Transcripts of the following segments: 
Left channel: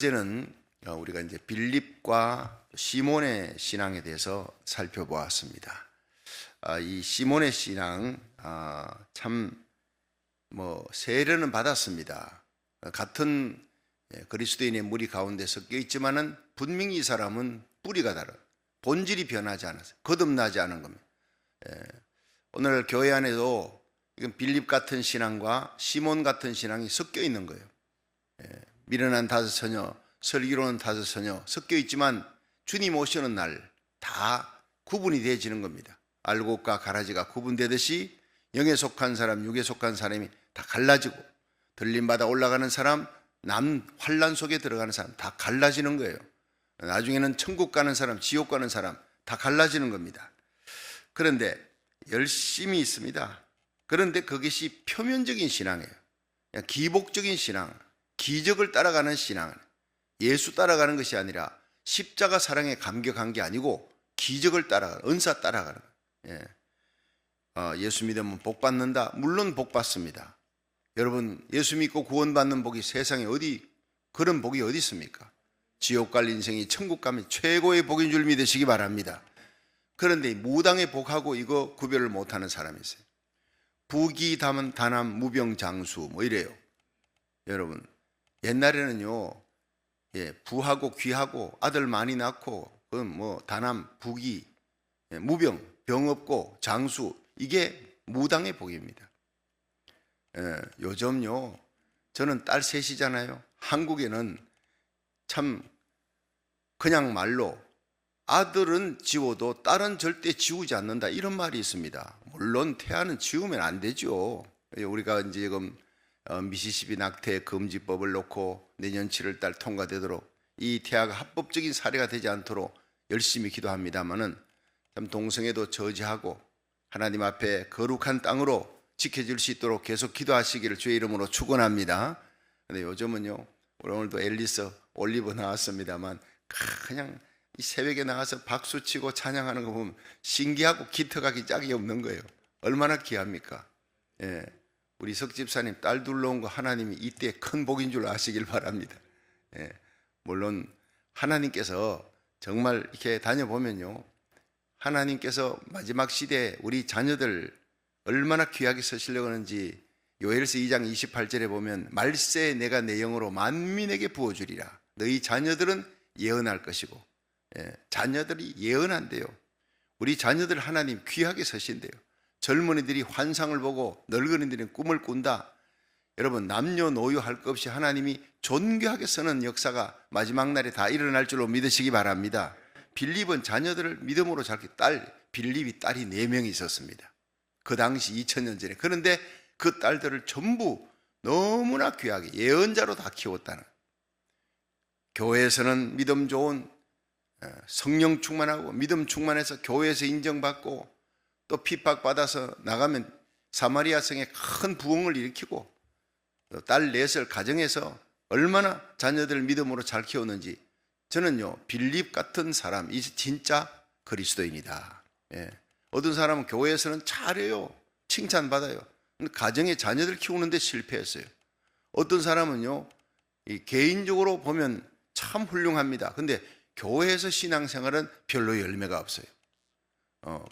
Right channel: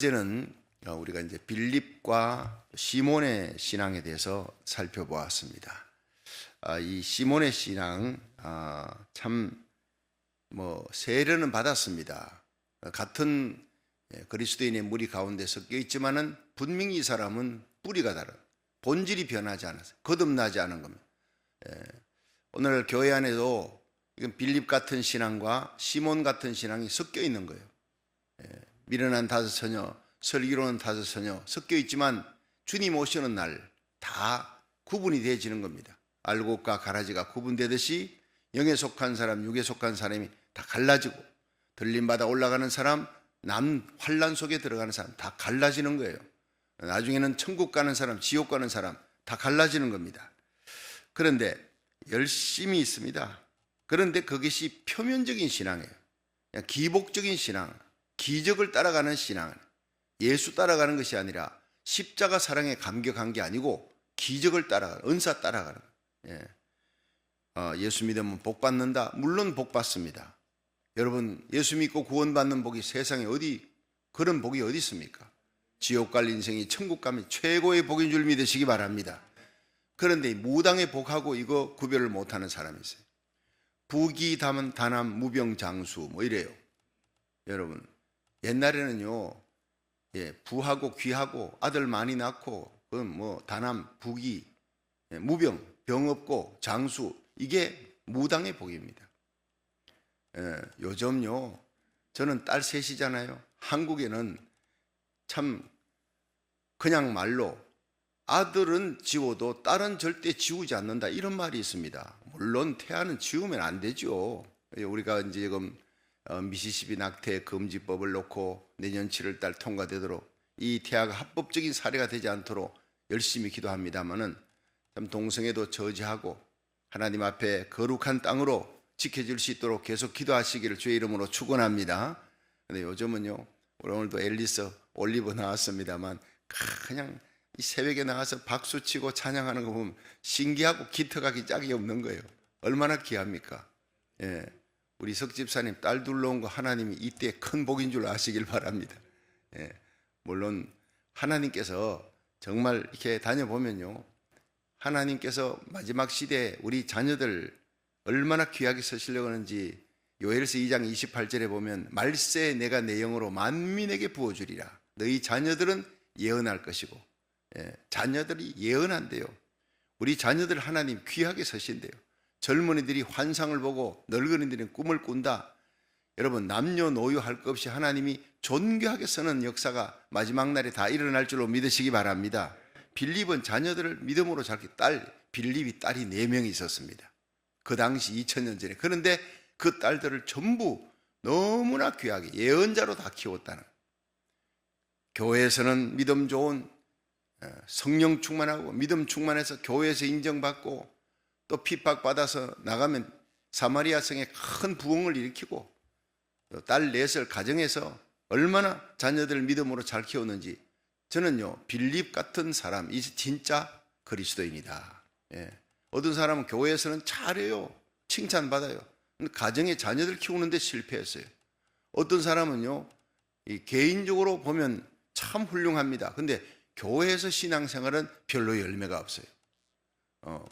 이제는 우리가 이제 빌립과 시몬의 신앙에 대해서 살펴보았습니다. 이 시몬의 신앙 참 세례는 받았습니다. 같은 그리스도인의 무리 가운데 섞여 있지만은 분명히 이 사람은 뿌리가 다른, 본질이 변하지 않아서 거듭나지 않은 겁니다. 오늘 교회 안에도 이건 빌립 같은 신앙과 시몬 같은 신앙이 섞여 있는 거예요. 미련한 다섯 처녀, 슬기로운 다섯 처녀 섞여 있지만 주님 오시는 날 다 구분이 되어지는 겁니다. 알곡과 가라지가 구분되듯이 영에 속한 사람, 육에 속한 사람이 다 갈라지고, 들림받아 올라가는 사람, 남 환란 속에 들어가는 사람 다 갈라지는 거예요. 나중에는 천국 가는 사람, 지옥 가는 사람 다 갈라지는 겁니다. 그런데 열심히 있습니다. 그런데 그것이 표면적인 신앙이에요. 그냥 기복적인 신앙, 기적을 따라가는 신앙, 예수 따라가는 것이 아니라 십자가 사랑에 감격한 게 아니고 기적을 따라가는, 은사 따라가는 거예요. 예수 믿으면 복 받는다. 물론 복 받습니다. 여러분, 예수 믿고 구원받는 복이 세상에 그런 복이 어디 있습니까? 지옥 갈 인생이 천국 가면 최고의 복인 줄 믿으시기 바랍니다. 그런데 무당의 복하고 이거 구별을 못하는 사람이 있어요. 부귀 다남 무병장수 이래요. 여러분, 옛날에는요, 부하고 귀하고 아들 많이 낳고 다남 부귀 무병 병 없고 장수, 이게 무당의 복입니다. 요즘요, 저는 딸 셋이잖아요. 한국에는 참 그냥 말로 아들은 지워도 딸은 절대 지우지 않는다, 이런 말이 있습니다. 물론 태아는 지우면 안 되죠. 우리가 이제 지금 미시시피 낙태 금지법을 놓고 내년 7월달 통과되도록 이 태아가 합법적인 사례가 되지 않도록 열심히 기도합니다마는 참 동성애도 저지하고 하나님 앞에 거룩한 땅으로 지켜질 수 있도록 계속 기도하시기를 주의 이름으로 축원합니다. 근데 요즘은요, 오늘도 앨리스 올리브 나왔습니다만 그냥 이 새벽에 나가서 박수치고 찬양하는 거 보면 신기하고 기특하기 짝이 없는 거예요. 얼마나 귀합니까? 우리 석집사님 딸 둘러온 거 하나님이 이때 큰 복인 줄 아시길 바랍니다. 물론 하나님께서 정말 이렇게 다녀보면요, 하나님께서 마지막 시대에 우리 자녀들 얼마나 귀하게 쓰시려고 하는지 요엘서 2장 28절에 보면 말세 내가 내 영으로 만민에게 부어주리라. 너희 자녀들은 예언할 것이고, 자녀들이 예언한대요. 우리 자녀들 하나님 귀하게 쓰신대요. 젊은이들이 환상을 보고 늙은이들은 꿈을 꾼다. 여러분, 남녀노소 할 것 없이 하나님이 존귀하게 쓰는 역사가 마지막 날에 다 일어날 줄로 믿으시기 바랍니다. 빌립은 자녀들을 믿음으로 빌립이 딸이 4명이 있었습니다. 그 당시 2000년 전에. 그런데 그 딸들을 전부 너무나 귀하게 예언자로 다 키웠다는. 교회에서는 믿음 좋은, 성령 충만하고 믿음 충만해서 교회에서 인정받고 또 핍박받아서 나가면 사마리아 성에 큰 부흥을 일으키고, 딸 넷을 가정에서 얼마나 자녀들 믿음으로 잘 키웠는지. 저는요, 빌립 같은 사람, 이 진짜 그리스도인이다. 어떤 사람은 교회에서는 잘해요, 칭찬받아요. 가정에 자녀들 키우는데 실패했어요. 어떤 사람은요, 개인적으로 보면 참 훌륭합니다. 근데 교회에서 신앙생활은 별로 열매가 없어요.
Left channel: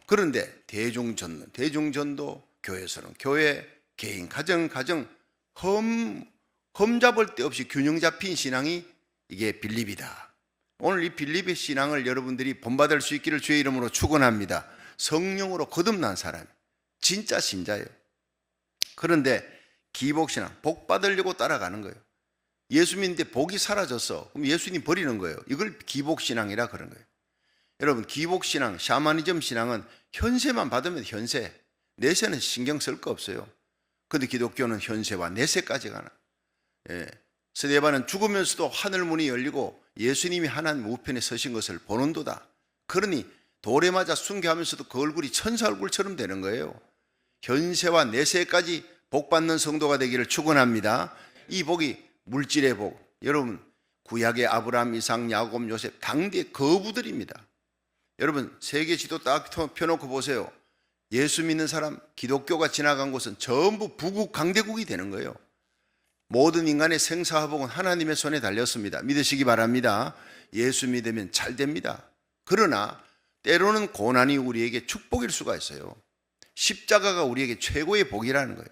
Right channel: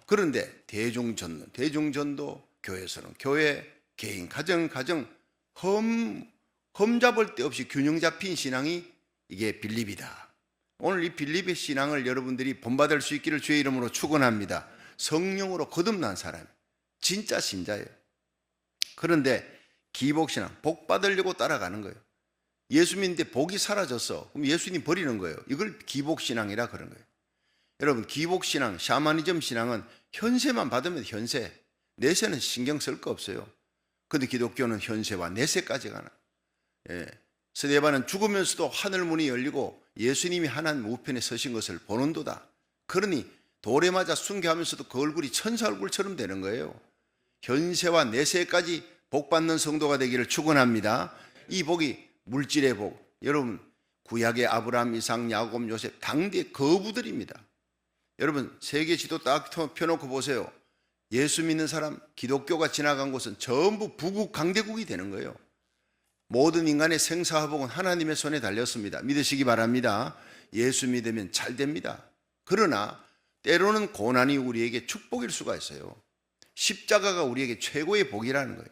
그런데 대중전도 교회에서는 교회, 개인, 가정 흠잡을 데 없이 균형 잡힌 신앙이 이게 빌립이다. 오늘 이 빌립의 신앙을 여러분들이 본받을 수 있기를 주의 이름으로 축원합니다. 성령으로 거듭난 사람, 진짜 신자예요. 그런데 기복신앙, 복 받으려고 따라가는 거예요. 예수 믿는데 복이 사라졌어. 그럼 예수님 버리는 거예요. 이걸 기복신앙이라 그런 거예요. 여러분, 기복신앙, 샤머니즘 신앙은 현세만 받으면 현세, 내세는 신경 쓸 거 없어요. 그런데 기독교는 현세와 내세까지 가는. 스데반은 죽으면서도 하늘문이 열리고 예수님이 하나님 우편에 서신 것을 보는도다. 그러니 돌에 맞아 순교하면서도 그 얼굴이 천사 얼굴처럼 되는 거예요. 현세와 내세까지 복받는 성도가 되기를 축원합니다. 이 복이 물질의 복. 여러분, 구약의 아브라함, 이삭, 야곱, 요셉 당대 거부들입니다. 여러분, 세계 지도 딱 펴놓고 보세요. 예수 믿는 사람, 기독교가 지나간 곳은 전부 부국 강대국이 되는 거예요. 모든 인간의 생사화복은 하나님의 손에 달렸습니다. 믿으시기 바랍니다. 예수 믿으면 잘 됩니다. 그러나 때로는 고난이 우리에게 축복일 수가 있어요. 십자가가 우리에게 최고의 복이라는 거예요.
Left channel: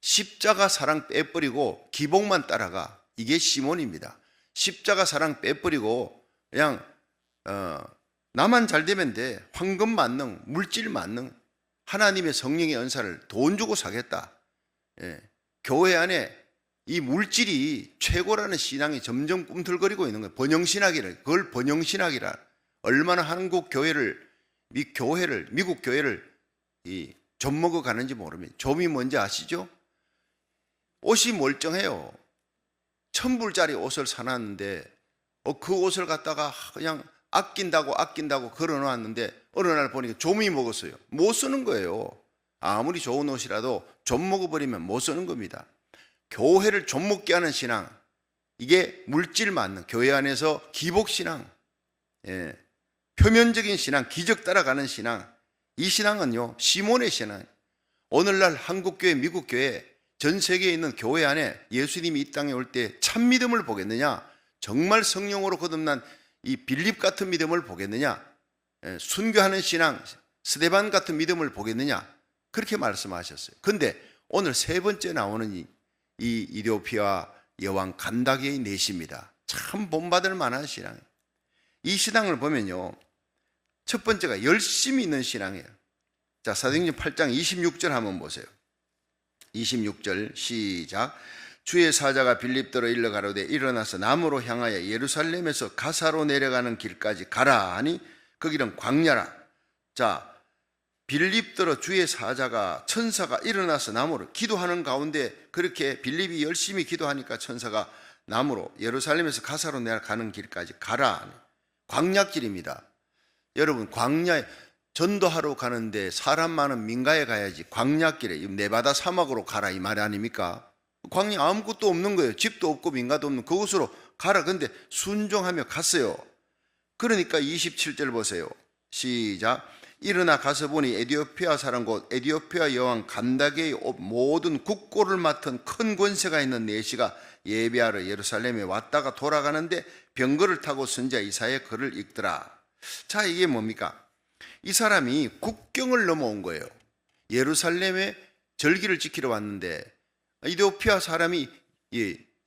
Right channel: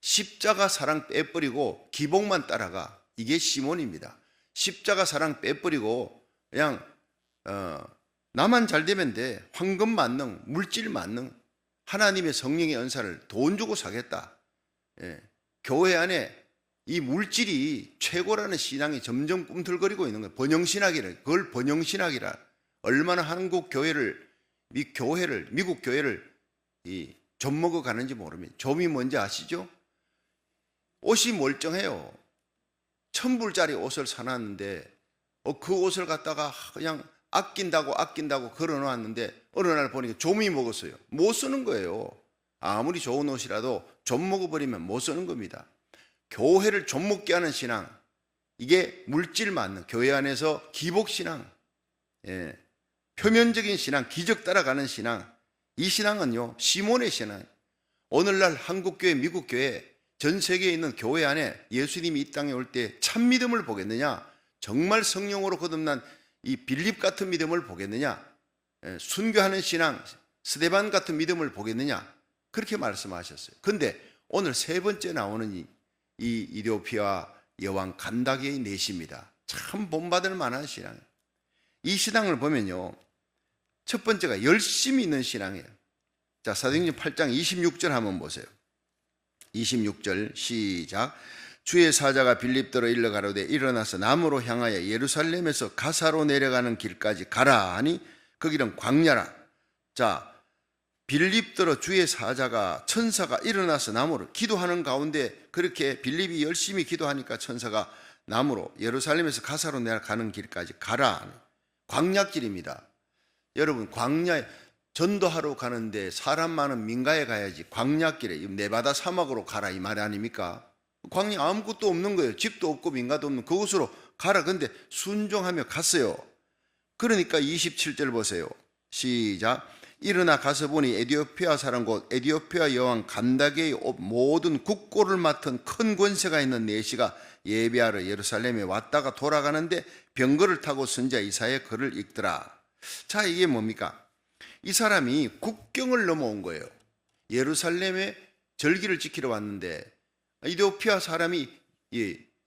십자가 사랑 빼버리고 기복만 따라가. 이게 시몬입니다. 십자가 사랑 빼버리고 그냥 나만 잘 되면 돼. 황금 만능, 물질 만능, 하나님의 성령의 은사를 돈 주고 사겠다. 교회 안에 이 물질이 최고라는 신앙이 점점 꿈틀거리고 있는 거예요. 번영신학이라. 그걸 번영신학이라. 얼마나 한국 교회를, 미국 교회를 좀먹어 가는지 모릅니다. 좀이 뭔지 아시죠? 옷이 멀쩡해요. 1,000불짜리 옷을 사놨는데 그 옷을 갖다가 그냥 아낀다고 걸어놨는데 어느 날 보니까 좀이 먹었어요. 못 쓰는 거예요. 아무리 좋은 옷이라도 좀 먹어버리면 못 쓰는 겁니다. 교회를 좀 먹게 하는 신앙, 이게 물질 맞는 교회 안에서 기복신앙, 표면적인 신앙, 기적 따라가는 신앙, 이 신앙은요 시몬의 신앙. 오늘날 한국교회, 미국교회, 전 세계에 있는 교회 안에 예수님이 이 땅에 올 때 참 믿음을 보겠느냐, 정말 성령으로 거듭난 이 빌립 같은 믿음을 보겠느냐, 순교하는 신앙, 스데반 같은 믿음을 보겠느냐, 그렇게 말씀하셨어요. 근데 오늘 세 번째 나오는 이 이디오피아 여왕 간다게의 내시입니다. 참 본받을 만한 신앙. 이 신앙을 보면요, 첫 번째가 열심히 있는 신앙이에요. 자, 사도행전 8장 26절 한번 보세요. 26절 시작. 주의 사자가 빌립더로 일러 가로되 일어나서 남으로 향하여 예루살렘에서 가사로 내려가는 길까지 가라 하니 그 길은 광야라. 자, 빌립더로 주의 사자가, 천사가 일어나서 남으로 기도하는 가운데 그렇게 빌립이 열심히 기도하니까 천사가 남으로 예루살렘에서 가사로 내려가는 길까지 가라. 광야길입니다. 여러분, 광야에 전도하러 가는데 사람 많은 민가에 가야지 광야길에 네바다 사막으로 가라 이 말 아닙니까? 광야 아무것도 없는 거예요. 집도 없고 민가도 없는 그곳으로 가라. 근데 순종하며 갔어요. 그러니까 27절 보세요. 시작. 일어나 가서 보니 에디오피아 사람 곧 에디오피아 여왕 간다게의 모든 국고를 맡은 큰 권세가 있는 내시가 예배하러 예루살렘에 왔다가 돌아가는데 병거를 타고 선지자 이사야의 글을 읽더라. 자, 이게 뭡니까? 이 사람이 국경을 넘어온 거예요. 예루살렘에 절기를 지키러 왔는데 에디오피아 사람이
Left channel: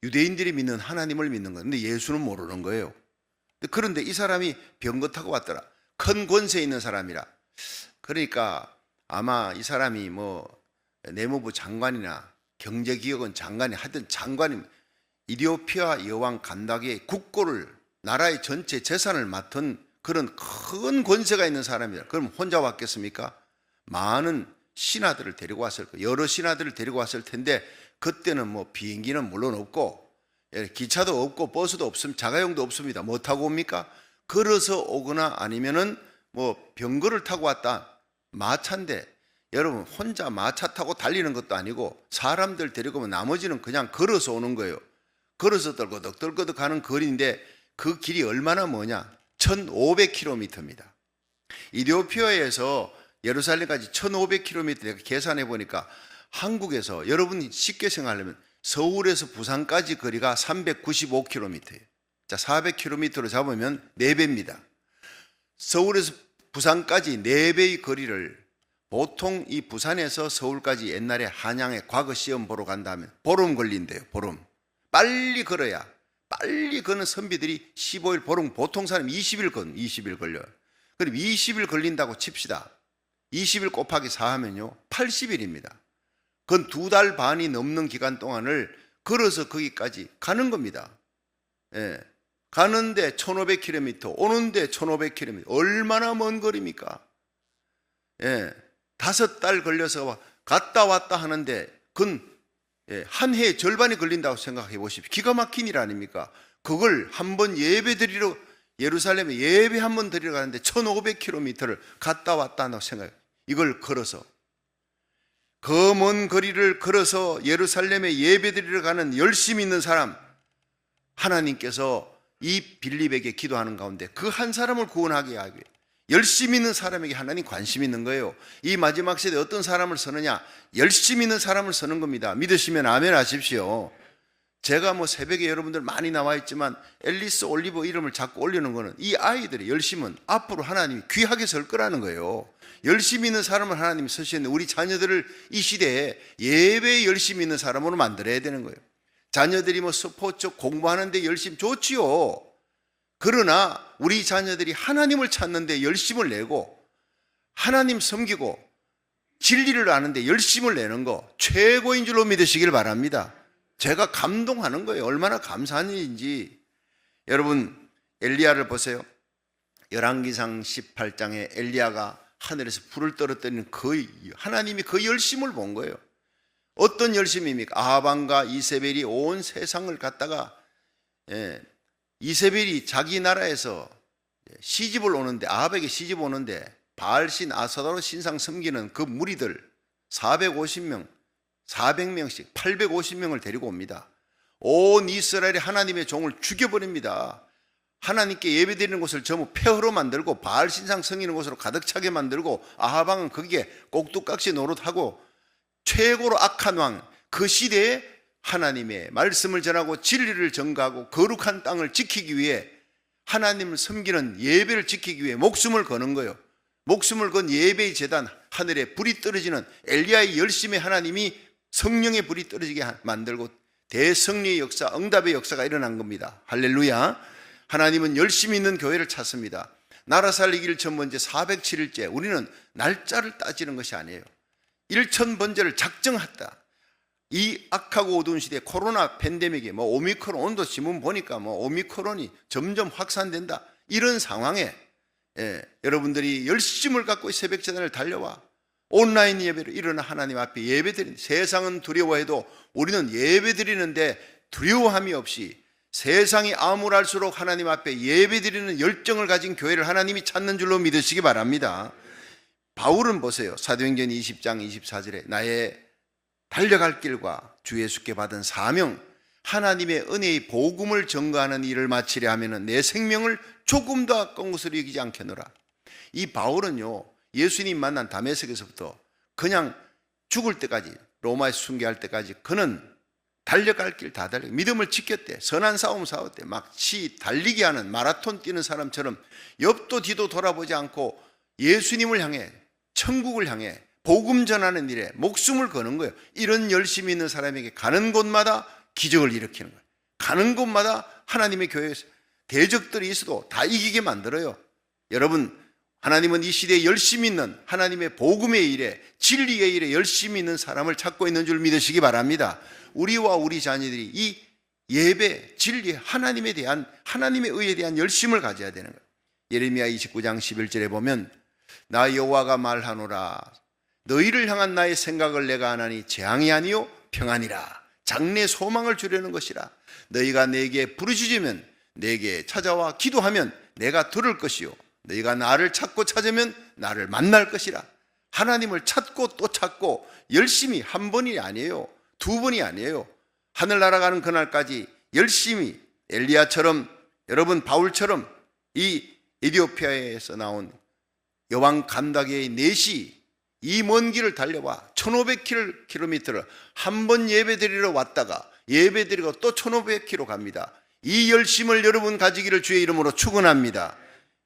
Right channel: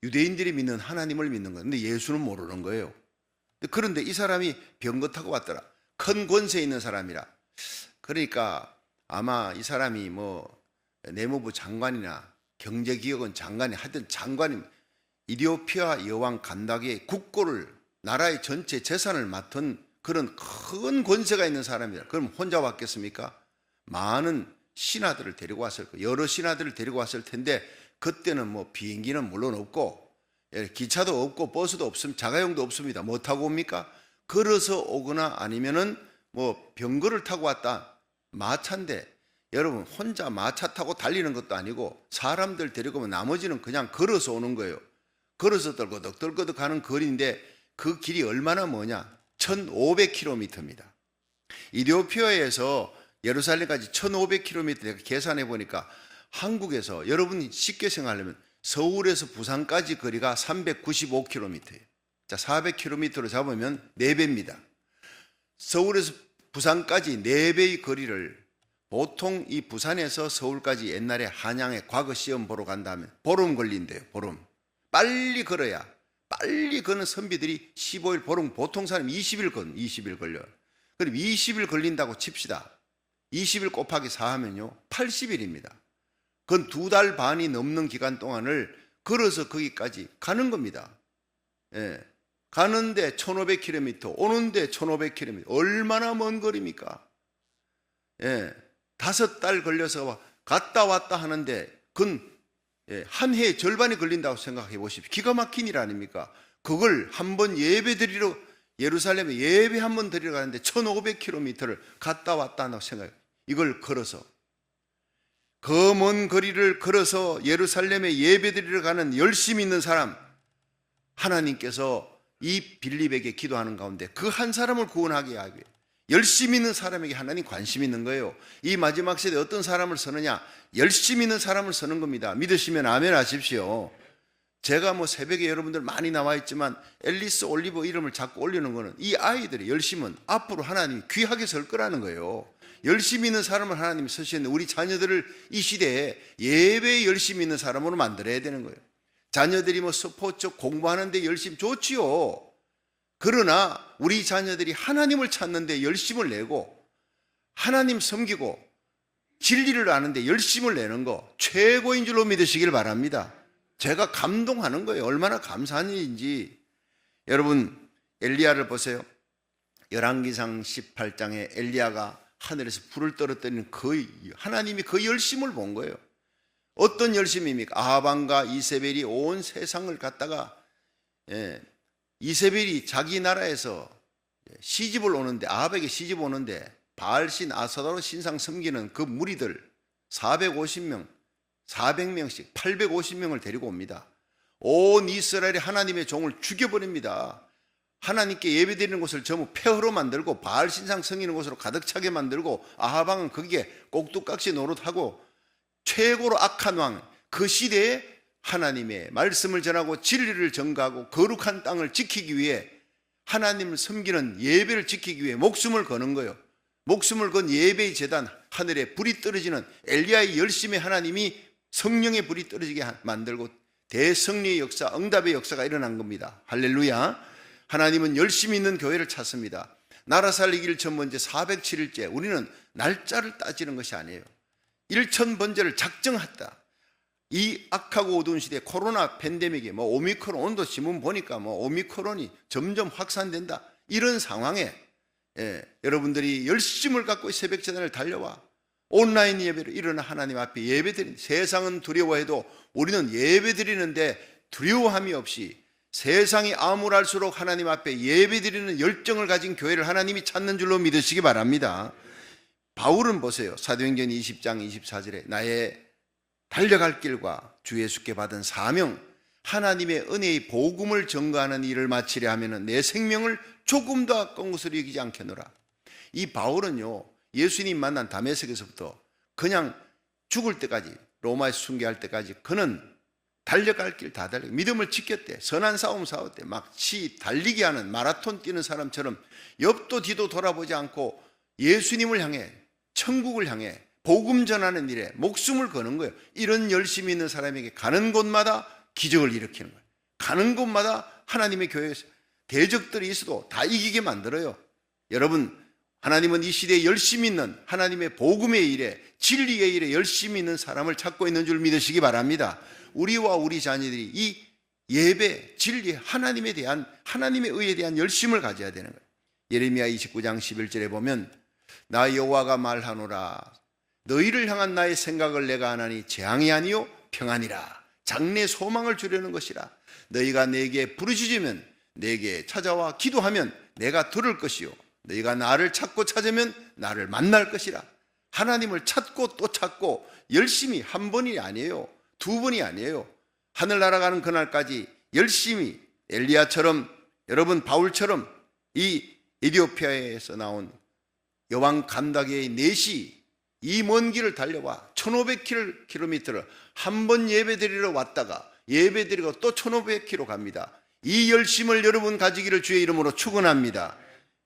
유대인들이 믿는 하나님을 믿는 거예요. 근데 예수는 모르는 거예요. 그런데 이 사람이 병거 타고 왔더라. 큰 권세 있는 사람이라. 그러니까 아마 이 사람이 내무부 장관이나 경제기획원 장관이 하여튼 장관이 이디오피아 여왕 간다게의 국고를, 나라의 전체 재산을 맡은 그런 큰 권세가 있는 사람이다. 그럼 혼자 왔겠습니까? 많은 신하들을 데리고 왔을 거예요. 여러 신하들을 데리고 왔을 텐데 그때는 비행기는 물론 없고 기차도 없고 버스도 없으면 자가용도 없습니다. 뭐 타고 옵니까? 걸어서 오거나 아니면은 병거를 타고 왔다. 마차인데 여러분, 혼자 마차 타고 달리는 것도 아니고 사람들 데리고 오면 나머지는 그냥 걸어서 오는 거예요. 걸어서 떨거덕 가는 거리인데 그 길이 얼마나 뭐냐? 1500km입니다. 이디오피아에서 예루살렘까지 1500km 내가 계산해 보니까 한국에서 여러분이 쉽게 생각하려면 서울에서 부산까지 거리가 395km예요. 자, 400km로 잡으면 4배입니다. 서울에서 부산까지 4배의 거리를 보통 이 부산에서 서울까지 옛날에 한양에 과거 시험 보러 간다면 보름 걸린대요. 보름. 빨리 걸어야, 빨리 거는 선비들이 15일, 보통 사람 20일 걸려요. 그럼 20일 걸린다고 칩시다. 20일 곱하기 4 하면요 80일입니다. 그건 2달 반이 넘는 기간 동안을 걸어서 거기까지 가는 겁니다. 가는데 1500km, 오는데 1500km. 얼마나 먼 거리입니까? 5달 걸려서 갔다 왔다 하는데 그건 한 해의 절반이 걸린다고 생각해 보십시오. 기가 막힌 일 아닙니까? 그걸 한번 예배 드리러 예루살렘에 예배 한번 드리러 가는데 1500km를 갔다 왔다 한다고 생각해요. 이걸 걸어서. 그 먼 거리를 걸어서 예루살렘에 예배 드리러 가는 열심히 있는 사람, 하나님께서 이 빌립에게 기도하는 가운데 그 한 사람을 구원하게 하기 위해 열심히 있는 사람에게 하나님 관심 있는 거예요. 이 마지막 시대에 어떤 사람을 쓰느냐? 열심히 있는 사람을 쓰는 겁니다. 믿으시면 아멘 하십시오. 제가 뭐 새벽에 여러분들 많이 나와 있지만 앨리스 올리버 이름을 자꾸 올리는 거는 이 아이들의 열심은 앞으로 하나님이 귀하게 설 거라는 거예요. 열심히 있는 사람을 하나님이 쓰시는데 우리 자녀들을 이 시대에 예배에 열심히 있는 사람으로 만들어야 되는 거예요. 자녀들이 뭐 스포츠 공부하는데 열심 좋지요. 그러나 우리 자녀들이 하나님을 찾는데 열심을 내고 하나님 섬기고 진리를 아는데 열심을 내는 거 최고인 줄로 믿으시길 바랍니다. 제가 감동하는 거예요. 얼마나 감사한 일인지. 여러분 엘리야를 보세요. 열왕기상 18장에 엘리야가 하늘에서 불을 떨어뜨리는 하나님이 그 열심을 본 거예요. 어떤 열심입니까? 아합과 이세벨이 온 세상을 갖다가 이세벨이 자기 나라에서 시집을 오는데 아합에게 시집 오는데 바알신 아사다로 신상 섬기는 그 무리들 450명 400명씩 850명을 데리고 옵니다. 온 이스라엘이 하나님의 종을 죽여버립니다. 하나님께 예배드리는 곳을 전부 폐허로 만들고 바알 신상 섬기는 곳으로 가득 차게 만들고 아합왕은 거기에 꼭두각시 노릇하고 최고로 악한 왕, 그 시대에 하나님의 말씀을 전하고 진리를 전가하고 거룩한 땅을 지키기 위해 하나님을 섬기는 예배를 지키기 위해 목숨을 거는 거예요. 목숨을 건 예배의 제단, 하늘에 불이 떨어지는 엘리야의 열심에 하나님이 성령의 불이 떨어지게 만들고 대성리의 역사, 응답의 역사가 일어난 겁니다. 할렐루야. 하나님은 열심히 있는 교회를 찾습니다. 나라 살리기를 첫 번째 407일째 우리는 날짜를 따지는 것이 아니에요. 1000번째를 작정했다. 이 악하고 어두운 시대에 코로나 팬데믹에 오미크론 온도 신문 보니까 오미크론이 점점 확산된다. 이런 상황에 여러분들이 열심을 갖고 새벽 제단을 달려와 온라인 예배로 일어나 하나님 앞에 예배드리는, 세상은 두려워해도 우리는 예배드리는데 두려워함이 없이 세상이 암울할수록 하나님 앞에 예배드리는 열정을 가진 교회를 하나님이 찾는 줄로 믿으시기 바랍니다. 바울은 보세요. 사도행전 20장 24절에 나의 달려갈 길과 주 예수께 받은 사명, 하나님의 은혜의 복음을 전가하는 일을 마치려 하면 내 생명을 조금도 아까운 것으로 여기지 않겠노라. 이 바울은요, 예수님 만난 다메섹에서부터 그냥 죽을 때까지, 로마에 순교할 때까지 그는 달려갈 길 다 달리고 믿음을 지켰대. 선한 싸움 싸웠대. 마치 달리기 하는 마라톤 뛰는 사람처럼 옆도 뒤도 돌아보지 않고 예수님을 향해, 천국을 향해 복음 전하는 일에 목숨을 거는 거예요. 이런 열심히 있는 사람에게 가는 곳마다 기적을 일으키는 거예요. 가는 곳마다 하나님의 교회에서 대적들이 있어도 다 이기게 만들어요. 여러분, 하나님은 이 시대에 열심히 있는 하나님의 복음의 일에, 진리의 일에 열심히 있는 사람을 찾고 있는 줄 믿으시기 바랍니다. 우리와 우리 자녀들이 이 예배, 진리, 하나님에 대한, 하나님의 의에 대한 열심을 가져야 되는 거예요. 예레미야 29장 11절에 보면 나 여호와가 말하노라 너희를 향한 나의 생각을 내가 아나니 재앙이 아니요 평안이라. 장래 소망을 주려는 것이라. 너희가 내게 부르짖으면 내게 찾아와 기도하면 내가 들을 것이요 너희가 나를 찾고 찾으면 나를 만날 것이라. 하나님을 찾고 또 찾고 열심히 한 번이 아니에요. 두 번이 아니에요. 하늘 날아가는 그날까지 열심히 엘리야처럼, 여러분 바울처럼 이 에티오피아에서 나온 여왕 간다게의 넷이 이 먼 길을 달려와 1500km를 한 번 예배드리러 왔다가 예배드리고 또 1500km 갑니다. 이 열심을 여러분 가지기를 주의 이름으로 축원합니다.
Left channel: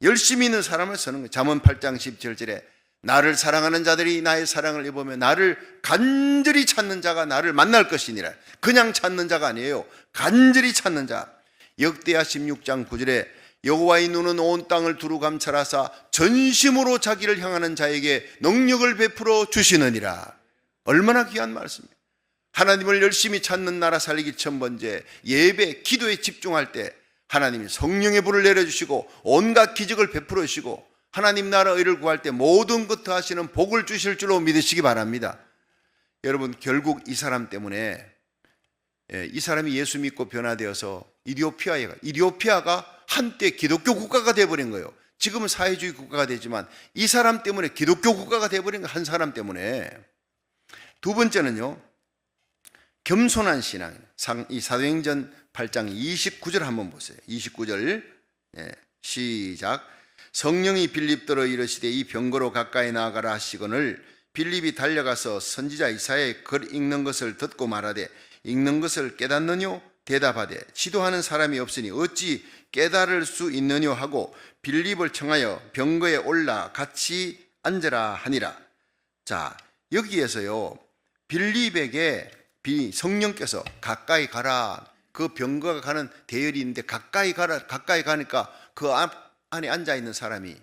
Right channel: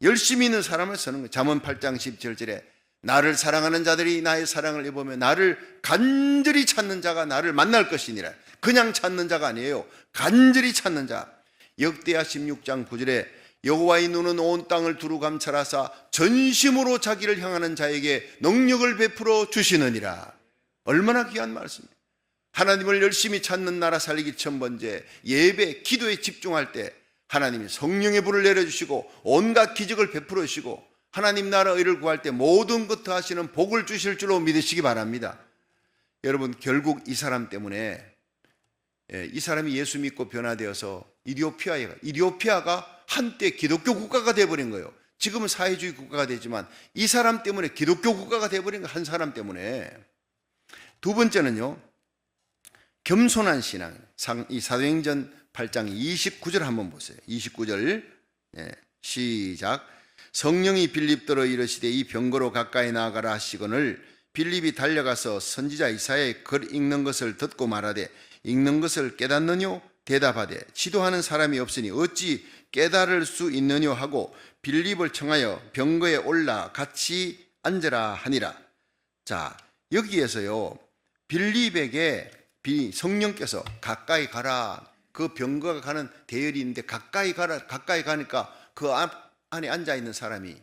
열심히 있는 사람을 쓰는 거예요. 잠언 8장 17절에 나를 사랑하는 자들이 나의 사랑을 입으며 나를 간절히 찾는 자가 나를 만날 것이니라. 그냥 찾는 자가 아니에요. 간절히 찾는 자. 역대하 16장 9절에 여호와의 눈은 온 땅을 두루 감찰하사 전심으로 자기를 향하는 자에게 능력을 베풀어 주시느니라. 얼마나 귀한 말씀입니다. 하나님을 열심히 찾는 나라 살리기 첫 번째 예배, 기도에 집중할 때 하나님이 성령의 불을 내려주시고 온갖 기적을 베풀어 주시고 하나님 나라 의를 구할 때 모든 것 하시는 복을 주실 줄로 믿으시기 바랍니다. 여러분, 결국 이 사람 때문에 이 사람이 예수 믿고 변화되어서 이디오피아가 한때 기독교 국가가 되어버린 거예요. 지금은 사회주의 국가가 되지만 이 사람 때문에 기독교 국가가 되어버린 한 사람 때문에. 두 번째는요, 겸손한 신앙. 이 사도행전 8장 29절 한번 보세요. 29절 시작. 성령이 빌립더러 이르시되 이 병거로 가까이 나아가라 하시거늘 빌립이 달려가서 선지자 이사야의 글 읽는 것을 듣고 말하되 읽는 것을 깨닫느뇨? 대답하되 지도하는 사람이 없으니 어찌 깨달을 수 있느냐 하고 빌립을 청하여 병거에 올라 같이 앉으라 하니라. 자, 여기에서요, 빌립에게 성령께서 가까이 가라. 그 병거가 가는 대열이 있는데 가까이 가라. 가까이 가니까 그 안에 앉아 있는 사람이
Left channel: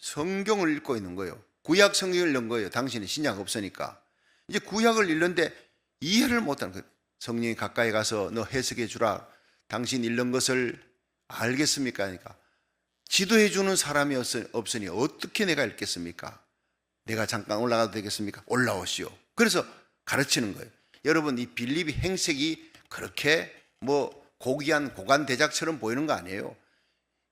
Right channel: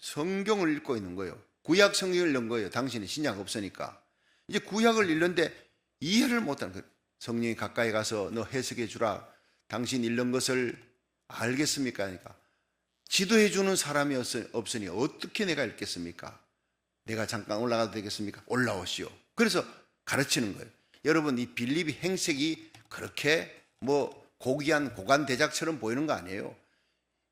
성경을 읽고 있는 거예요. 구약 성경을 읽는 거예요. 당신이 신약 없으니까. 이제 구약을 읽는데 이해를 못하는 거예요. 성령이 가까이 가서 너 해석해 주라. 당신 읽는 것을 알겠습니까? 하니까 지도해 주는 사람이 없으니 어떻게 내가 읽겠습니까? 내가 잠깐 올라가도 되겠습니까? 올라오시오. 그래서 가르치는 거예요. 여러분, 이 빌립의 행색이 그렇게 고귀한 고관 대작처럼 보이는 거 아니에요.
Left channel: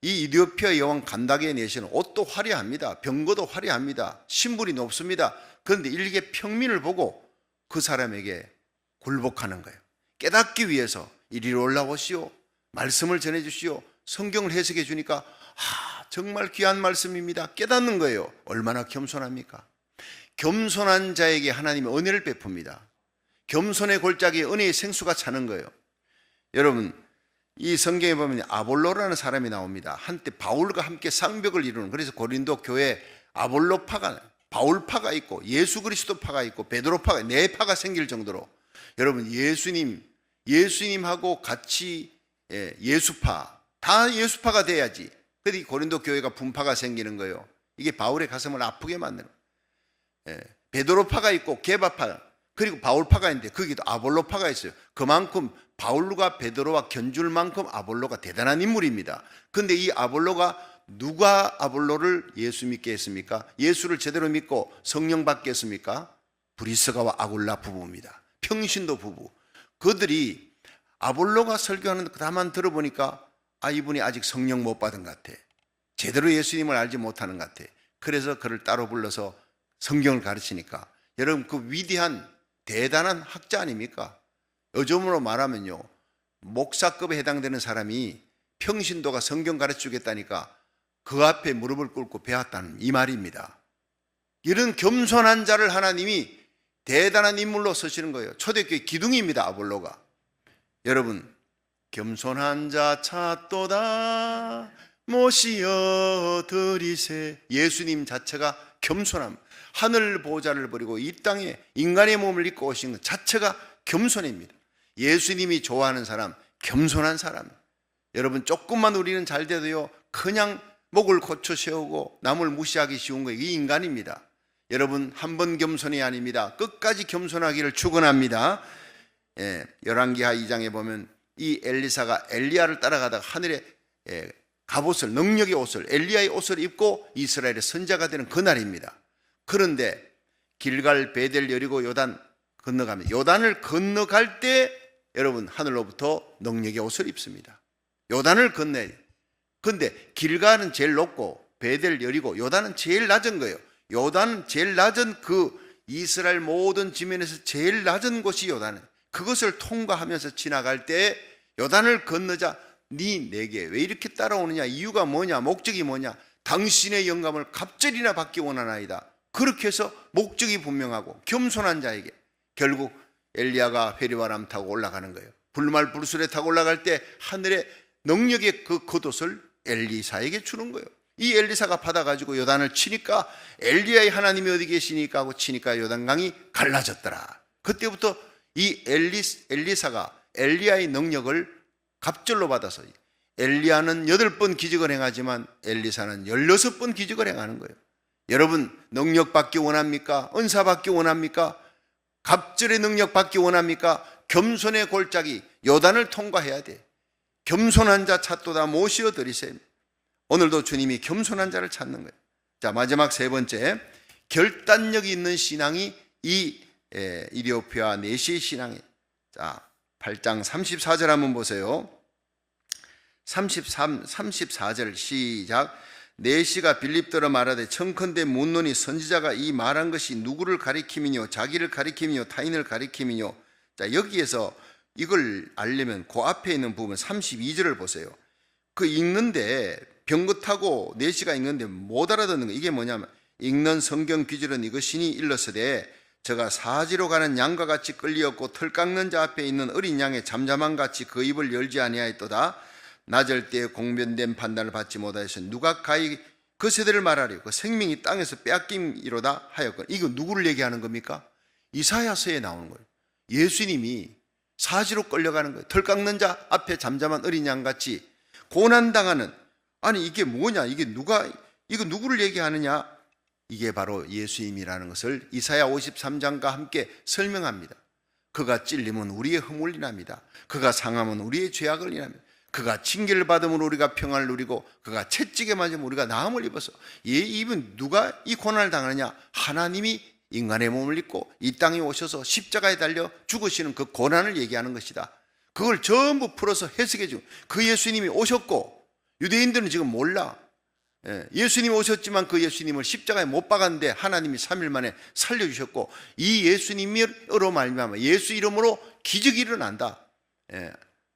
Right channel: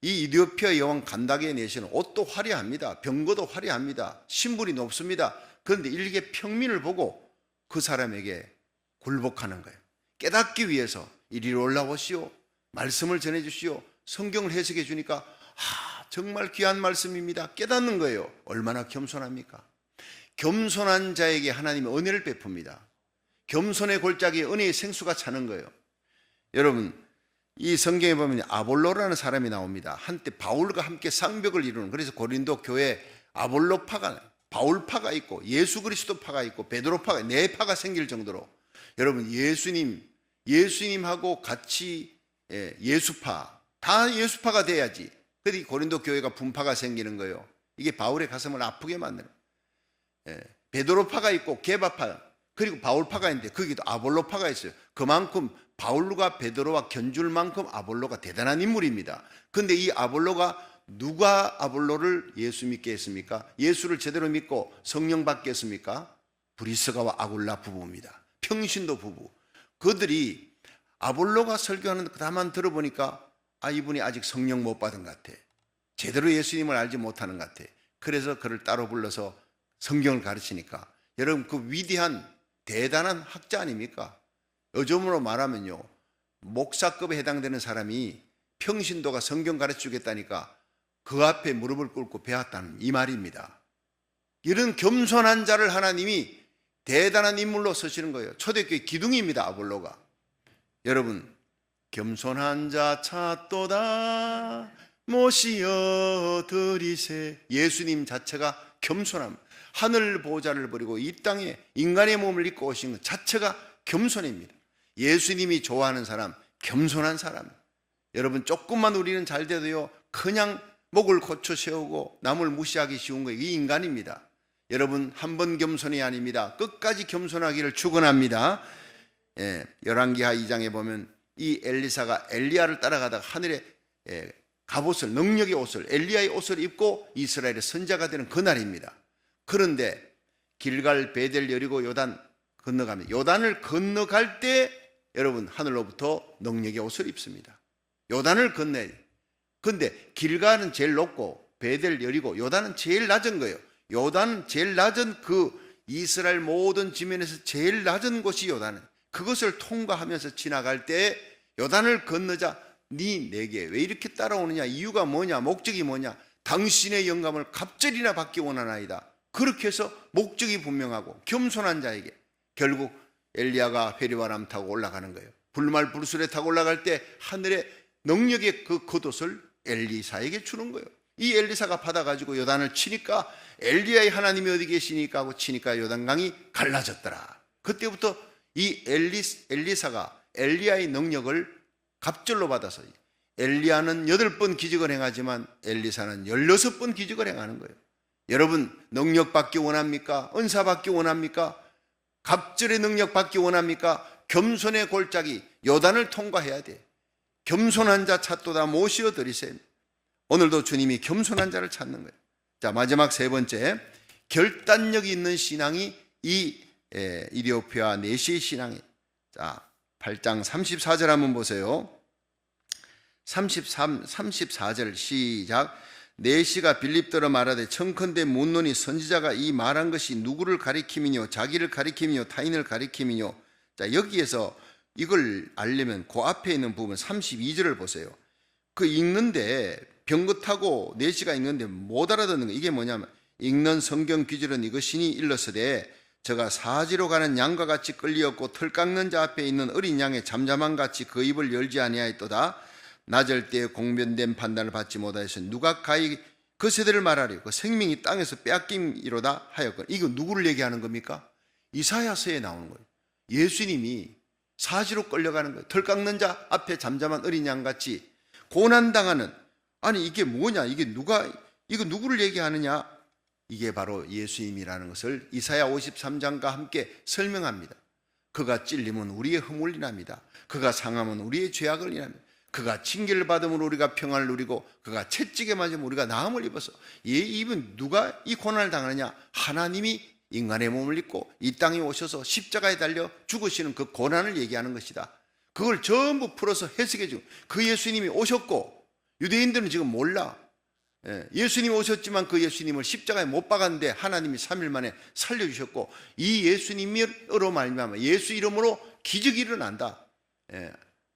이 이디오피아 여왕 간다게 내시는 옷도 화려합니다. 병거도 화려합니다. 신분이 높습니다. 그런데 일개 평민을 보고 그 사람에게 굴복하는 거예요. 깨닫기 위해서 이리로 올라오시오. 말씀을 전해주시오. 성경을 해석해 주니까 정말 귀한 말씀입니다. 깨닫는 거예요. 얼마나 겸손합니까? 겸손한 자에게 하나님이 은혜를 베풉니다. 겸손의 골짜기에 은혜의 생수가 차는 거예요. 여러분, 이 성경에 보면 아볼로라는 사람이 나옵니다. 한때 바울과 함께 쌍벽을 이루는, 그래서 고린도 교회에 아볼로파가, 바울파가 있고 예수그리스도파가 있고 베드로파가, 네 파가 생길 정도로, 여러분, 예수님하고 같이 예수파, 다 예수파가 돼야지. 그래서 고린도 교회가 분파가 생기는 거예요. 이게 바울의 가슴을 아프게 만드는 거예요. 베드로파가 있고 게바파, 그리고 바울파가 있는데 거기도 아볼로파가 있어요. 그만큼 바울과 베드로와 견줄 만큼 아볼로가 대단한 인물입니다. 그런데 이 아볼로가, 누가 아볼로를 예수 믿게 했습니까? 예수를 제대로 믿고 성령 받게 했습니까? 브리스가와 아굴라 부부입니다. 평신도 부부. 그들이 아볼로가 설교하는 다만 들어보니까 이분이 아직 성령 못 받은 것 같아. 제대로 예수님을 알지 못하는 것 같아. 그래서 그를 따로 불러서 성경을 가르치니까, 여러분, 그 위대한 대단한 학자 아닙니까? 요즘으로 말하면요, 목사급에 해당되는 사람이 평신도가 성경 가르쳐주겠다니까 그 앞에 무릎을 꿇고 배웠다는 이 말입니다. 이런 겸손한 자를 하나님이 대단한 인물로 쓰시는 거예요. 초대교회 기둥입니다, 아볼로가. 여러분, 겸손한 자 찾도다 모시어 드리세. 예수님 자체가 겸손함. 하늘 보좌를 버리고 이 땅에 인간의 몸을 입고 오신 것 자체가 겸손입니다. 예수님이 좋아하는 사람, 겸손한 사람. 여러분, 조금만 우리는 잘 돼도요, 그냥 목을 고쳐 세우고 남을 무시하기 쉬운 거예요. 이 인간입니다. 여러분, 한 번 겸손이 아닙니다. 끝까지 겸손하기를 축원합니다. 열왕기하 2장에 보면 이 엘리사가 엘리야를 따라가다가 하늘에 갑옷을, 능력의 옷을, 엘리야의 옷을 입고 이스라엘의 선자가 되는 그날입니다. 그런데 길갈, 베델, 여리고, 요단 건너가면, 요단을 건너갈 때 여러분, 하늘로부터 능력의 옷을 입습니다. 요단을 건너야 돼요. 그런데 길갈은 제일 높고 베델, 여리고, 요단은 제일 낮은 거예요. 요단은 제일 낮은, 그 이스라엘 모든 지면에서 제일 낮은 곳이 요단은, 그것을 통과하면서 지나갈 때 요단을 건너자 내게 왜 이렇게 따라오느냐, 이유가 뭐냐, 목적이 뭐냐, 당신의 영감을 갑절이나 받기 원하나이다. 그렇게 해서 목적이 분명하고 겸손한 자에게 결국 엘리야가 회리바람 타고 올라가는 거예요. 불말 불술에 타고 올라갈 때 하늘의 능력의 그 겉옷을 엘리사에게 주는 거예요. 이 엘리사가 받아가지고 요단을 치니까 엘리야의 하나님이 어디 계시니까 하고 치니까 요단강이 갈라졌더라. 그때부터 이 엘리사가 엘리야의 능력을 갑절로 받아서, 엘리야는 8번 기적을 행하지만 엘리사는 16번 기적을 행하는 거예요. 여러분, 능력 받기 원합니까? 은사 받기 원합니까? 갑절의 능력 받기 원합니까? 겸손의 골짜기 요단을 통과해야 돼. 겸손한 자 찾도다 모시어 드리세. 오늘도 주님이 겸손한 자를 찾는 거예요. 자, 마지막 세 번째, 결단력이 있는 신앙이 이 이디오피아 내시의 신앙이에요. 자, 8장 34절 한번 보세요. 34절 시작. 내시가 빌립더러 말하되 청컨대 묻노니 선지자가 이 말한 것이 누구를 가리킴이뇨, 자기를 가리킴이뇨, 타인을 가리킴이뇨. 자, 여기에서 이걸 알려면 그 앞에 있는 부분 32절을 보세요. 그 읽는데 병거 타고 내시가 읽는데 못 알아듣는 거, 이게 뭐냐면 읽는 성경 귀절은 이것이니 일렀으되 저가 사지로 가는 양과 같이 끌리었고 털 깎는 자 앞에 있는 어린 양의 잠잠함 같이 그 입을 열지 아니하였도다. 낮을 때에 공변된 판단을 받지 못하여서 누가 가히 그 세대를 말하리요. 그 생명이 땅에서 빼앗김이로다 하였거든. 이거 누구를 얘기하는 겁니까? 이사야서에 나오는 거예요. 예수님이 사지로 끌려가는 거예요. 털 깎는 자 앞에 잠잠한 어린 양같이 고난당하는, 아니 이게 뭐냐, 이거 누구를 얘기하느냐, 이게 바로 예수님이라는 것을 이사야 53장과 함께 설명합니다. 그가 찔림은 우리의 허물을 인합니다. 그가 상함은 우리의 죄악을 인합니다. 그가 징계를 받음으로 우리가 평안을 누리고 그가 채찍에 맞으면 우리가 나음을 입어서. 이분 누가 이 고난을 당하느냐? 하나님이 인간의 몸을 입고 이 땅에 오셔서 십자가에 달려 죽으시는 그 고난을 얘기하는 것이다. 그걸 전부 풀어서 해석해 주고, 그 예수님이 오셨고, 유대인들은 지금 몰라. 예수님이 오셨지만 그 예수님을 십자가에 못 박았는데 하나님이 3일 만에 살려주셨고, 이 예수님으로 말미암아 예수 이름으로 기적이 일어난다.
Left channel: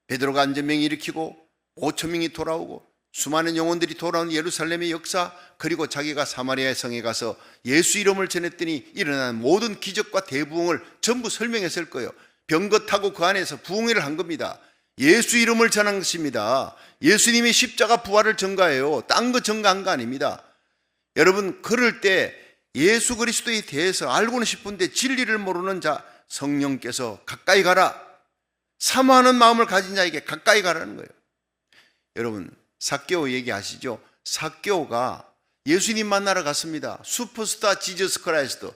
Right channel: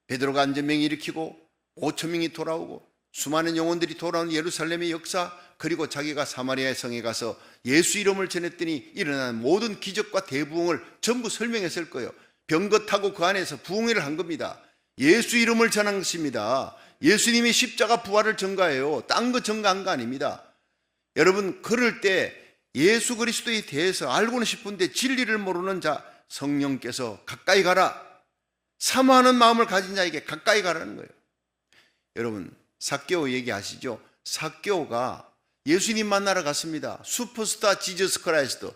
베드로가 안전병 일으키고 5천 명이 돌아오고 수많은 영혼들이 돌아온 예루살렘의 역사, 그리고 자기가 사마리아 성에 가서 예수 이름을 전했더니 일어난 모든 기적과 대부흥을 전부 설명했을 거예요. 병거 타고 그 안에서 부흥회를 한 겁니다. 예수 이름을 전한 것입니다. 예수님이 십자가 부활을 전가해요. 딴 거 전가한 거 아닙니다. 여러분, 그럴 때 예수 그리스도에 대해서 알고는 싶은데 진리를 모르는 자, 성령께서 가까이 가라, 사모하는 마음을 가진 자에게 가까이 가라는 거예요. 여러분, 삭개오 얘기하시죠? 삭개오가 예수님 만나러 갔습니다. 슈퍼스타 지저스 크라이스트.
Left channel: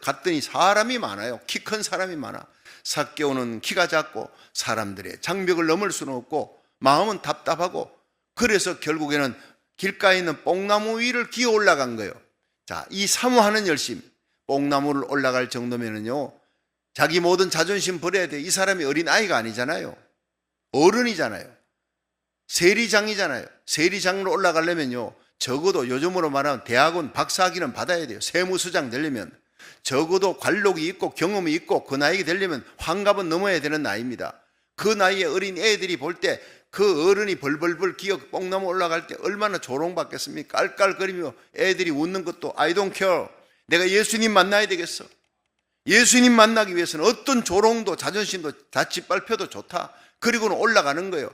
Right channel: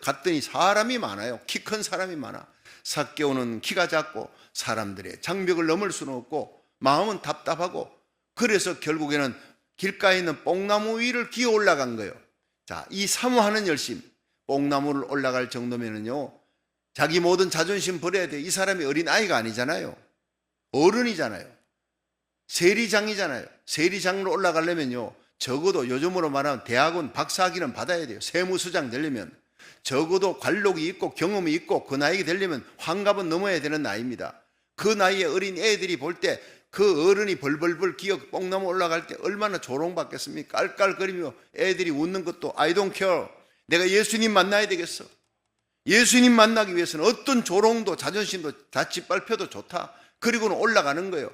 갔더니 사람이 많아요. 키 큰 사람이 많아. 삭개오는 키가 작고 사람들의 장벽을 넘을 수는 없고 마음은 답답하고, 그래서 결국에는 길가에 있는 뽕나무 위를 기어 올라간 거예요. 자, 이 사모하는 열심, 뽕나무를 올라갈 정도면은요, 자기 모든 자존심 버려야 돼. 이 사람이 어린아이가 아니잖아요. 어른이잖아요. 세리장이잖아요. 세리장으로 올라가려면요, 적어도 요즘으로 말하면 대학원 박사학위는 받아야 돼요. 세무수장 되려면. 적어도 관록이 있고 경험이 있고 그 나이가 되려면 환갑은 넘어야 되는 나이입니다. 그 나이에 어린 애들이 볼 때 그 어른이 벌벌벌 기어 뽕나무 올라갈 때 얼마나 조롱받겠습니까? 깔깔거리며 애들이 웃는 것도 I don't care. 내가 예수님 만나야 되겠어. 예수님 만나기 위해서는 어떤 조롱도 자존심도 다 짓밟혀도 좋다. 그리고는 올라가는 거예요.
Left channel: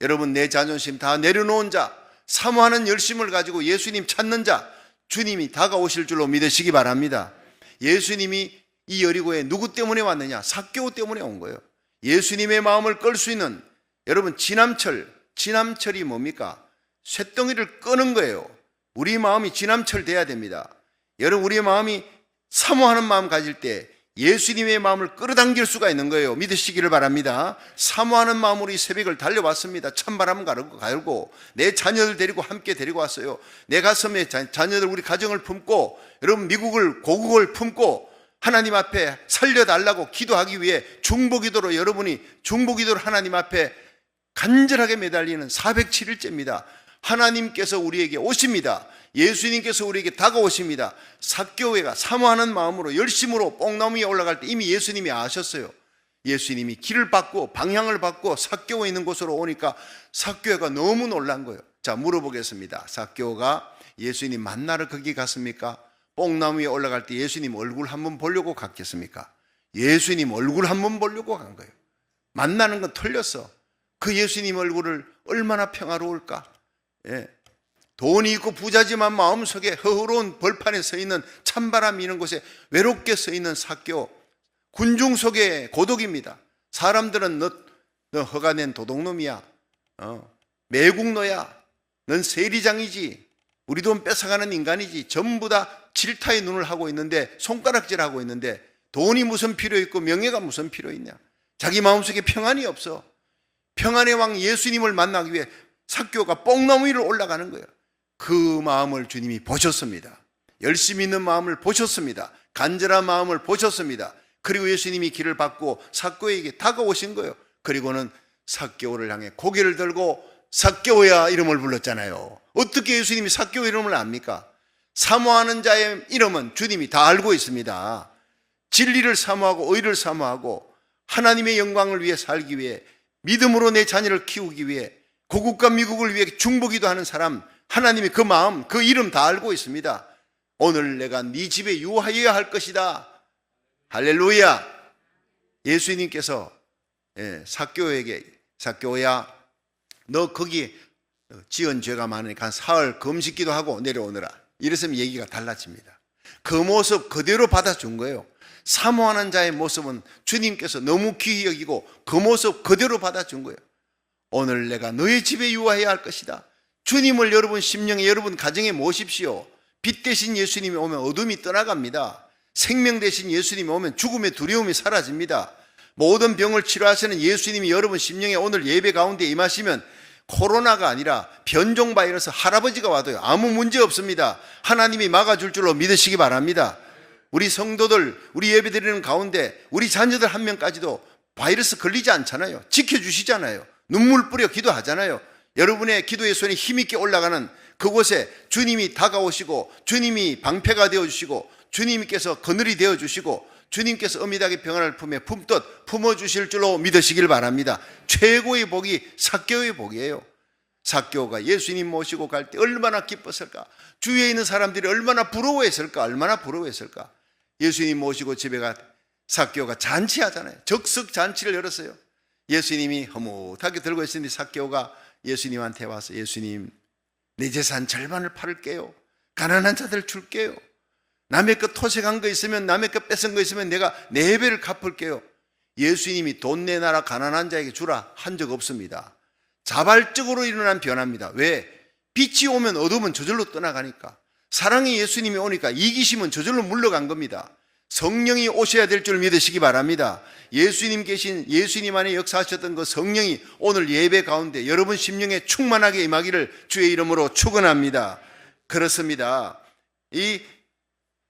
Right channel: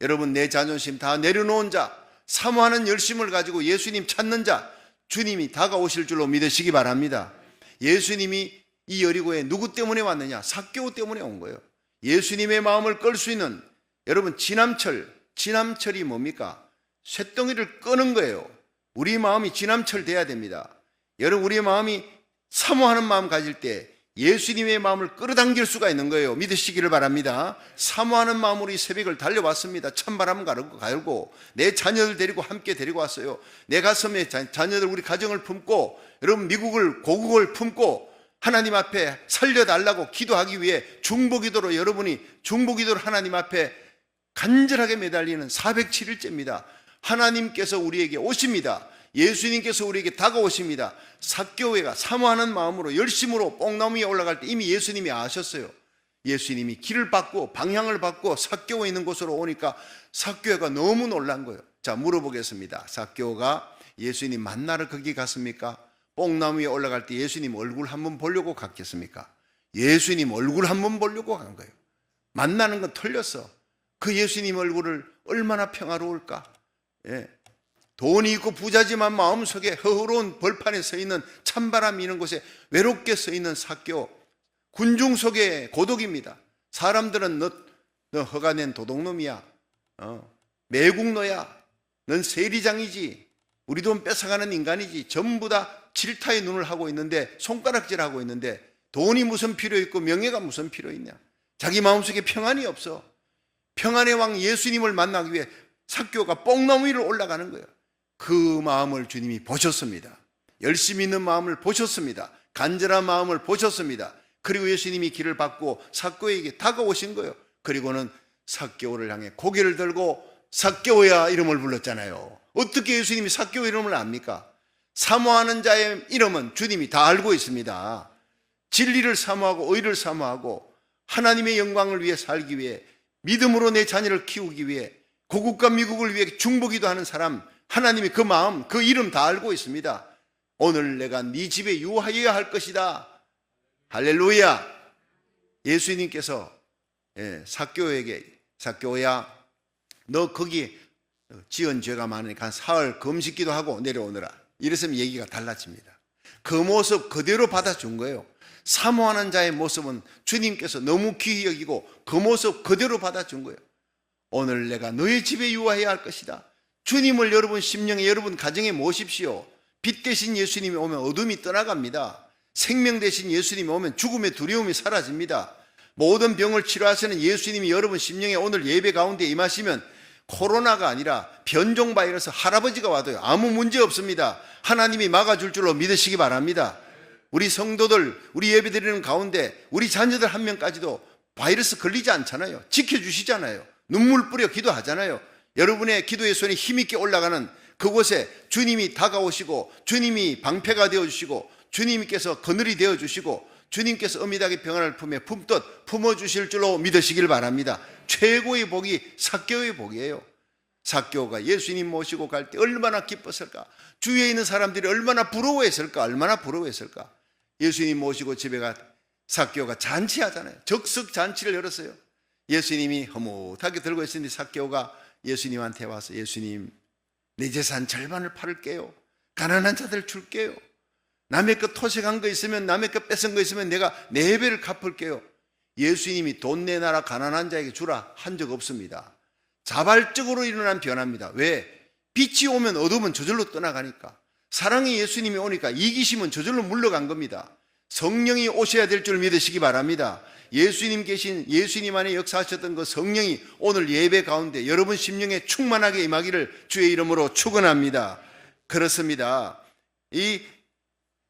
여러분, 내 자존심 다 내려놓은 자, 사모하는 열심을 가지고 예수님 찾는 자, 주님이 다가오실 줄로 믿으시기 바랍니다. 예수님이 이 여리고에 누구 때문에 왔느냐? 삭개오 때문에 온 거예요. 예수님의 마음을 끌 수 있는, 여러분, 진함철이 뭡니까? 쇳덩이를 끄는 거예요. 우리 마음이 진함철 돼야 됩니다. 여러분, 우리의 마음이 사모하는 마음 가질 때 예수님의 마음을 끌어당길 수가 있는 거예요. 믿으시기를 바랍니다. 사모하는 마음으로 이 새벽을 달려왔습니다. 찬바람 갈고 내 자녀들 데리고 함께 데리고 왔어요. 내 가슴에 자녀들, 우리 가정을 품고, 여러분, 고국을 품고 하나님 앞에 살려달라고 기도하기 위해 중보기도로, 여러분이 중보기도로 하나님 앞에 간절하게 매달리는 407일째입니다. 하나님께서 우리에게 오십니다. 예수님께서 우리에게 다가오십니다. 삭개오가 사모하는 마음으로 열심으로 뽕나무 위에 올라갈 때 이미 예수님이 아셨어요. 예수님이 길을 받고 방향을 받고 삭개오 있는 곳으로 오니까 삭개오가 너무 놀란 거예요. 자, 물어보겠습니다. 삭개오가 예수님 만나러 거기 갔습니까? 뽕나무 위에 올라갈 때 예수님 얼굴 한번 보려고 갔겠습니까? 예수님 얼굴 한번 보려고 간 거예요. 만나는 건 틀렸어. 그 예수님 얼굴을 얼마나 평화로울까? 돈이 있고 부자지만 마음속에 허허로운 벌판에 서 있는, 찬바람 이는 곳에 외롭게 서 있는 삭개오, 군중 속의 고독입니다. 사람들은 너 허가낸 도둑놈이야, 매국노야, 넌 세리장이지, 우리 돈 뺏어가는 인간이지, 전부 다 질타의 눈을 하고 있는데, 손가락질하고 있는데, 돈이 무슨 필요 있고 명예가 무슨 필요 있냐? 자기 마음속에 평안이 없어. 평안의 왕 예수님을 만나기 위해 삭개오가 뽕나무 위를 올라가는 거예요. 그 마음을 주님이 보셨습니다. 열심히 있는 마음을 보셨습니다. 간절한 마음을 보셨습니다. 그리고 예수님이 길을 받고 삭개오에게 다가오신 거예요. 그리고는 삭개오를 향해 고개를 들고 삭개오야 이름을 불렀잖아요. 어떻게 예수님이 삭개오 이름을 압니까? 사모하는 자의 이름은 주님이 다 알고 있습니다. 진리를 사모하고 의를 사모하고 하나님의 영광을 위해 살기 위해, 믿음으로 내 자녀를 키우기 위해, 고국과 미국을 위해 중보기도 하는 사람, 하나님이 그 마음, 그 이름 다 알고 있습니다. 오늘 내가 네 집에 유하여야 할 것이다. 할렐루야. 예수님께서 삭개오에게 삭개오야 너 거기 지은 죄가 많으니까 한 사흘 금식기도 하고 내려오너라. 이랬으면 얘기가 달라집니다. 그 모습 그대로 받아준 거예요. 사모하는 자의 모습은 주님께서 너무 귀히 여기고 그 모습 그대로 받아준 거예요. 오늘 내가 너의 집에 유하여야 할 것이다. 주님을 여러분 심령에 여러분 가정에 모십시오. 빛 대신 예수님이 오면 어둠이 떠나갑니다. 생명 대신 예수님이 오면 죽음의 두려움이 사라집니다. 모든 병을 치료하시는 예수님이 여러분 심령에 오늘 예배 가운데 임하시면 코로나가 아니라 변종 바이러스 할아버지가 와도요 아무 문제 없습니다. 하나님이 막아줄 줄로 믿으시기 바랍니다. 우리 성도들 우리 예배 드리는 가운데 우리 자녀들 한 명까지도 바이러스 걸리지 않잖아요. 지켜주시잖아요. 눈물 뿌려 기도하잖아요. 여러분의 기도의 손이 힘있게 올라가는 그곳에 주님이 다가오시고 주님이 방패가 되어주시고 주님께서 그늘이 되어주시고 주님께서 어미닭의 평안을 품에 품듯 품어주실 줄로 믿으시길 바랍니다. 최고의 복이 삭개오의 복이에요. 삭개오가 예수님 모시고 갈 때 얼마나 기뻤을까. 주위에 있는 사람들이 얼마나 부러워했을까. 얼마나 부러워했을까. 예수님 모시고 집에 가 삭개오가 잔치하잖아요. 적석 잔치를 열었어요. 예수님이 허무하게 들고 있으니 삭개오가 예수님한테 와서 예수님 내 재산 절반을 팔을게요. 가난한 자들 줄게요. 남의 것 토색한 거 있으면 남의 것 뺏은 거 있으면 내가 4배를 갚을게요. 예수님이 돈 내놔라 가난한 자에게 주라 한 적 없습니다. 자발적으로 일어난 변화입니다. 왜? 빛이 오면 어둠은 저절로 떠나가니까. 사랑의 예수님이 오니까 이기심은 저절로 물러간 겁니다. 성령이 오셔야 될 줄 믿으시기 바랍니다. 예수님 계신 예수님 안에 역사하셨던 그 성령이 오늘 예배 가운데 여러분 심령에 충만하게 임하기를 주의 이름으로 축원합니다. 그렇습니다. 이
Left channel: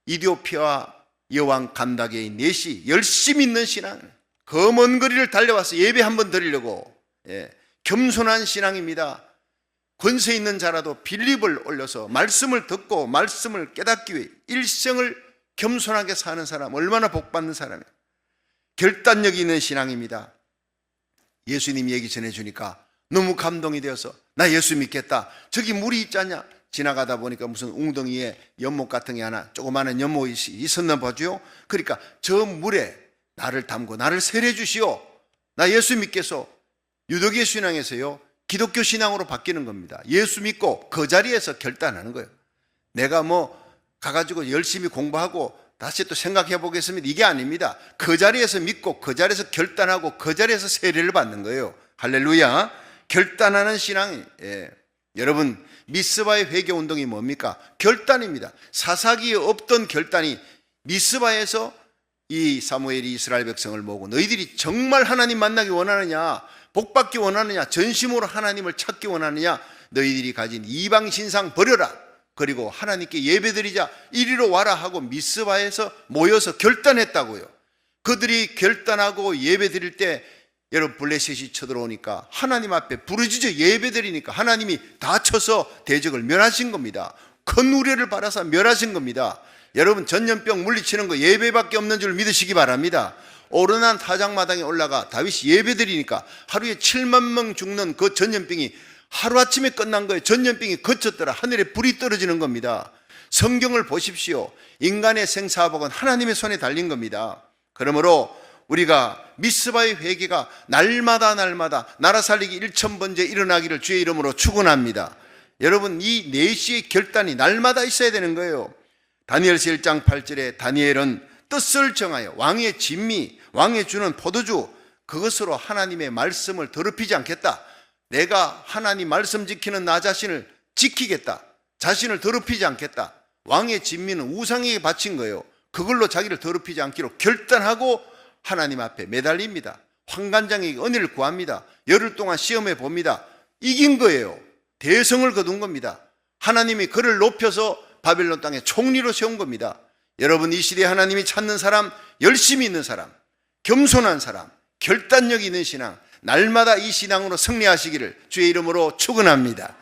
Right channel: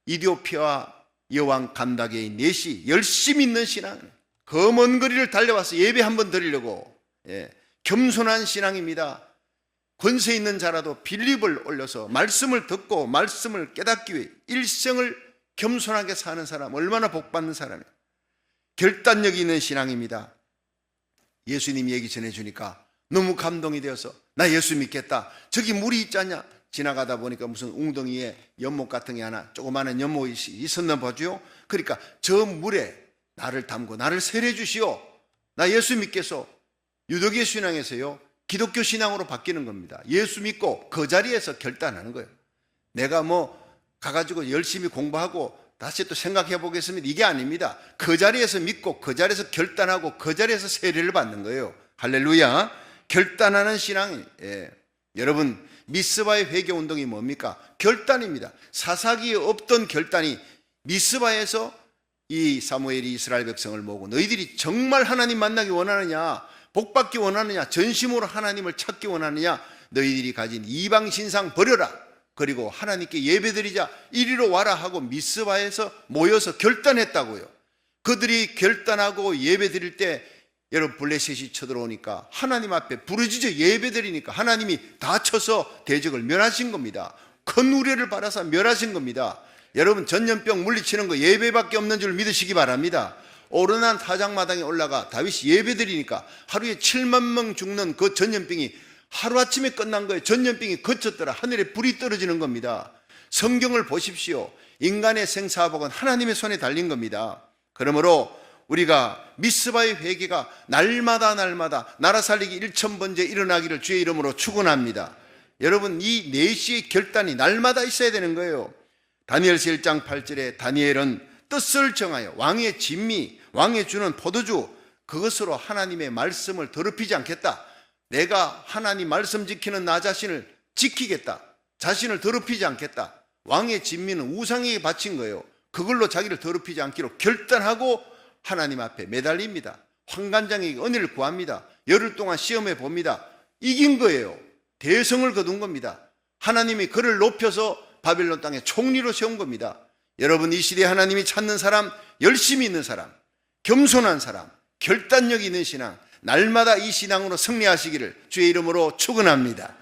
이디오피아 여왕 간다게의 넷이 열심히 있는 신앙, 그 먼 거리를 달려와서 예배 한번 드리려고 겸손한 신앙입니다. 권세 있는 자라도 빌립을 올려서 말씀을 듣고 말씀을 깨닫기 위해 일생을 겸손하게 사는 사람, 얼마나 복받는 사람이에요. 결단력이 있는 신앙입니다. 예수님 얘기 전해주니까 너무 감동이 되어서 나 예수 믿겠다. 저기 물이 있지 않냐? 지나가다 보니까 무슨 웅덩이에 연못 같은 게 하나 조그마한 연못이 있었나 보죠. 그러니까 저 물에 나를 담고 나를 세례 주시오. 나 예수 믿겠소. 유대교 신앙에서요 기독교 신앙으로 바뀌는 겁니다. 예수 믿고 그 자리에서 결단하는 거예요. 내가 가가지고 열심히 공부하고 다시 또 생각해 보겠습니다. 이게 아닙니다. 그 자리에서 믿고 그 자리에서 결단하고 그 자리에서 세례를 받는 거예요. 할렐루야. 결단하는 신앙이 여러분 미스바의 회개운동이 뭡니까? 결단입니다. 사사기에 없던 결단이 미스바에서 이 사무엘이 이스라엘 백성을 모으고 너희들이 정말 하나님 만나기 원하느냐, 복받기 원하느냐, 전심으로 하나님을 찾기 원하느냐, 너희들이 가진 이방 신상 버려라. 그리고 하나님께 예배드리자. 이리로 와라 하고 미스바에서 모여서 결단했다고요. 그들이 결단하고 예배드릴 때 여러분 블레셋이 쳐들어오니까 하나님 앞에 부르짖어 예배드리니까 하나님이 다 쳐서 대적을 멸하신 겁니다. 큰 우려를 받아서 멸하신 겁니다. 여러분 전염병 물리치는 거 예배밖에 없는 줄 믿으시기 바랍니다. 오르난 타작마당에 올라가 다윗이 예배드리니까 하루에 7만 명 죽는 그 전염병이 하루아침에 끝난 거예요. 전염병이 그쳤더라. 하늘에 불이 떨어지는 겁니다. 성경을 보십시오. 인간의 생사복은 하나님의 손에 달린 겁니다. 그러므로 우리가 미스바의 회개가 날마다 나라 살리기 1000번째 일어나기를 주의 이름으로 축원합니다. 여러분 이 4시의 결단이 날마다 있어야 되는 거예요. 다니엘서 1장 8절에 다니엘은 뜻을 정하여 왕의 진미, 왕의 주는 포도주 그것으로 하나님의 말씀을 더럽히지 않겠다. 내가 하나님 말씀 지키는 나 자신을 지키겠다. 자신을 더럽히지 않겠다. 왕의 진미는 우상에게 바친 거예요. 그걸로 자기를 더럽히지 않기로 결단하고 하나님 앞에 매달립니다. 환관장에게 은혜를 구합니다. 열흘 동안 시험해 봅니다. 이긴 거예요. 대성을 거둔 겁니다. 하나님이 그를 높여서 바벨론 땅에 총리로 세운 겁니다. 여러분 이 시대에 하나님이 찾는 사람, 열심히 있는 사람, 겸손한 사람, 결단력 있는 신앙, 날마다 이 신앙으로 승리하시기를 주의 이름으로 축원합니다.